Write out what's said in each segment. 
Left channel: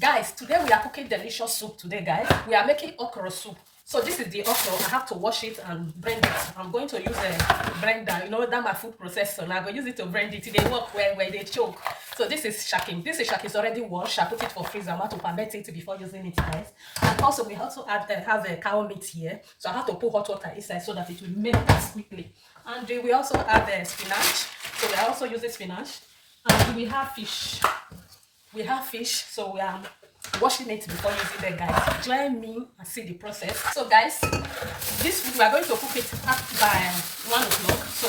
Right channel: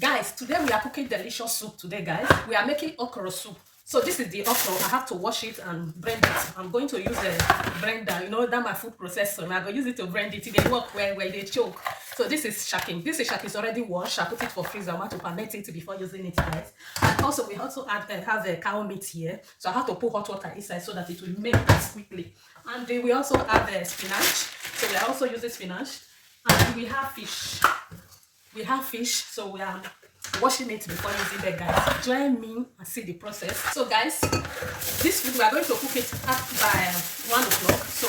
Guys, today we are cooking delicious soup today, guys. We are making okra soup. So this is the okra. I have to wash it and blend it. I'm going to use a blender, you know, that my food processor. Now I'm going to use it to blend it. They work where they choke. So this is shaking. This is shaking. It's already washed. I put it for freezer. I want to ferment it before using it, guys. And also we also have a cow meat here. So I have to put hot water inside so that it will melt as quickly. And we also have spinach. So we are also using spinach. And we have fish. We have fish, so we are washing it before using it, guys. Join me and see the process. So guys, this food we are going to cook it up by 1 o'clock. So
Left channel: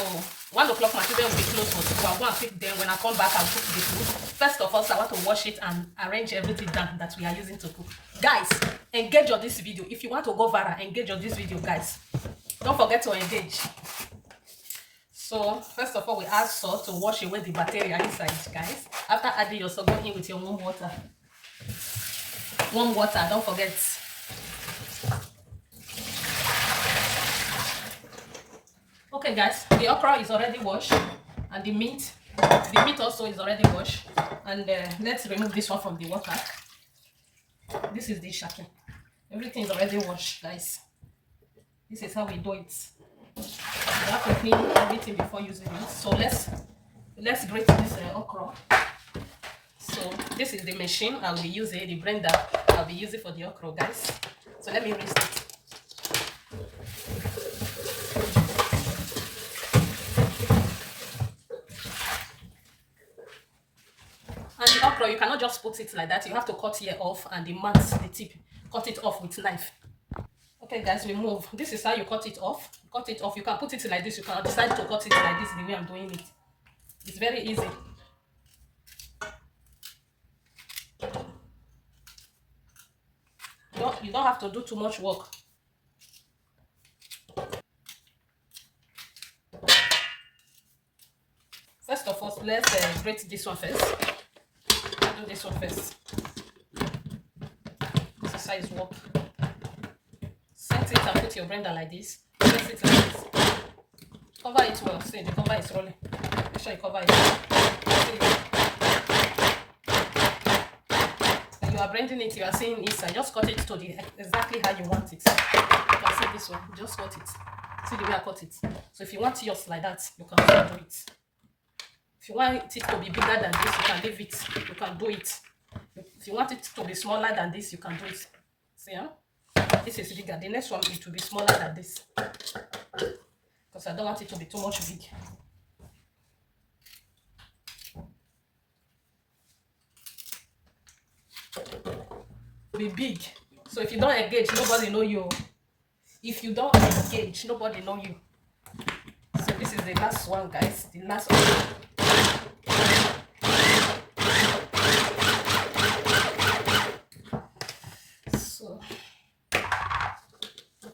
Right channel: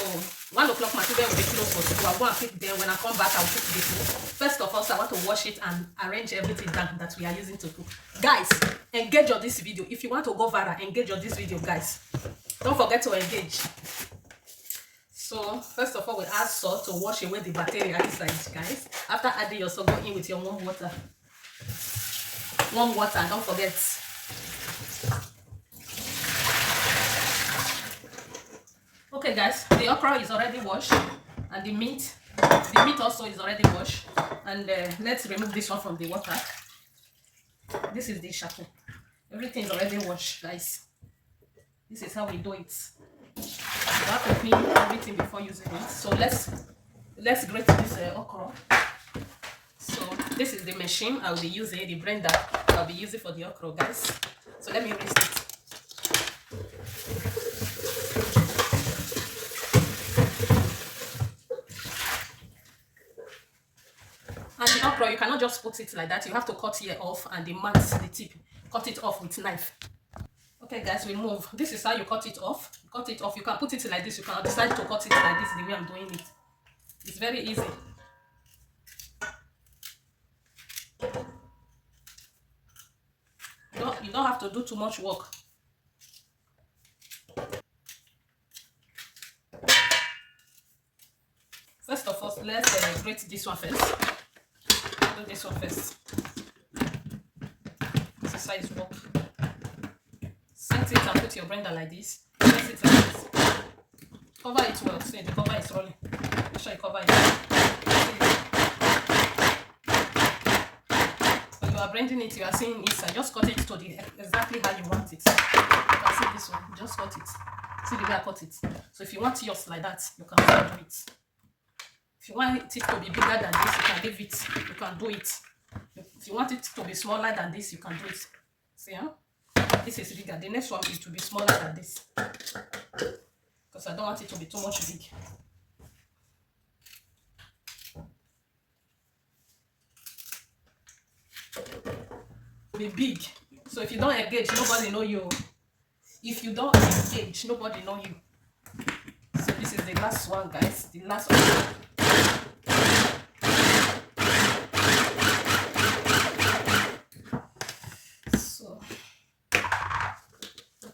1 o'clock my children will be closed for school. I'll go and pick them. When I come back, I'll cook the food. First of all, I want to wash it and arrange everything that we are using to cook. Guys, engage on this video. If you want to go viral, engage on this video, guys. Don't forget to engage. So first of all, we add salt to wash away the bacteria inside, guys. After adding your salt, go in with your warm water. Warm water, don't forget. Okay, guys, the okra is already washed, and the meat also is already washed. And let's remove this one from the water. This is the shaking. Everything is already washed, guys. This is how we do it. You have to clean everything before using it. So let's grate this okra. So this is the machine I'll be using, the blender I'll be using for the okra, guys. So let me rinse it. And the okra, you cannot just put it like that. You have to cut here off, and the tip, cut it off with knife. Okay, guys, we move. This is how you cut it off. Cut it off. You can put it like this. You can decide to cut it like this, the way I'm doing it. It's very easy. You don't have to do too much work. First of all, let's grate this one first. Do this one first. This is how it works. Set it and put your blender like this. Set it like this. Cover it well. See, the cover is rolling. Make sure you cover it. When you are blending it, you are seeing inside. Just cut it to exactly how you want it. You can see this one. Just cut it. See the way I cut it. So if you want yours like that, you can do it. If you want it to be bigger than this, you can leave it. You can do it. If you want it to be smaller than this, you can do it. See, huh? This is bigger. The next one it will be smaller than this, because I don't want it to be too much big. Be big. So if you don't engage, nobody know you. If you don't engage, nobody know you. So this is the last one, guys. The last one.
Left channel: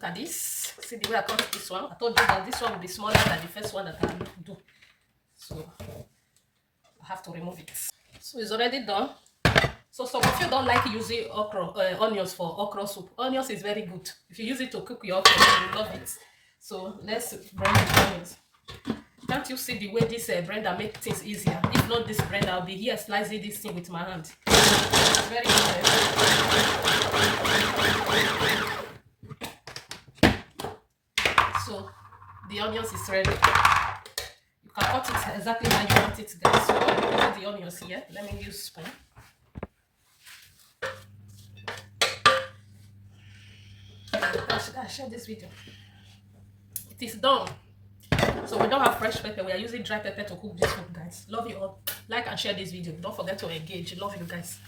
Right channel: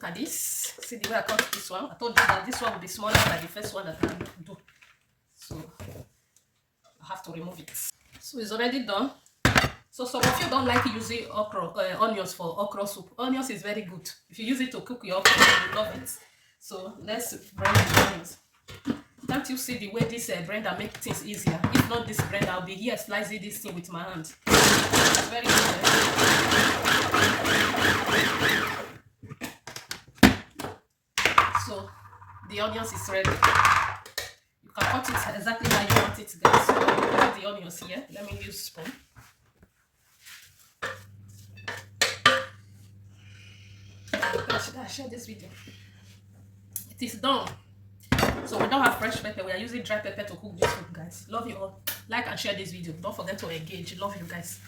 At this, see the way I cut this one. I told you that this one will be smaller than the first one that I do. So I have to remove it. So it's already done. So some of you don't like using onions for okra soup. Onions is very good. If you use it to cook your okra, you will love it. So let's blend the onions. Can't you see the way this blender makes things easier? If not this blender, I'll be here slicing this thing with my hand. It's very easy. So the onions is ready. You can cut it exactly how you want it, guys. So I'm putting the onions here. Let me use spoon. Should I share this video? It is done. So we don't have fresh pepper. We are using dry pepper to cook this food, guys. Love you all. Like and share this video. Don't forget to engage. Love you, guys.